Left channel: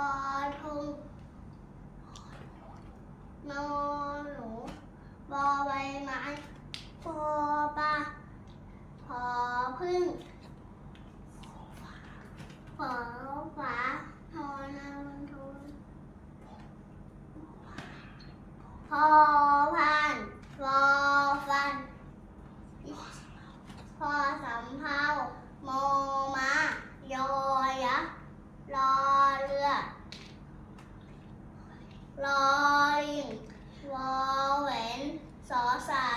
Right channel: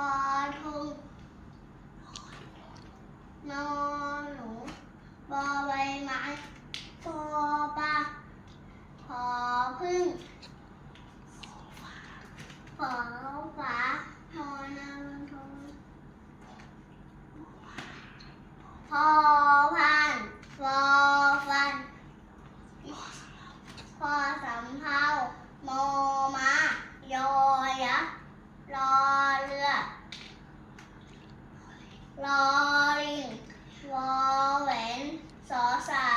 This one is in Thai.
อทงนอหนูบอใบไม้โอปาพอพึ่งขอฝาทอนาทุนพอพันวอฟันพอสำเภา รอลิงวอแหวนสอสารา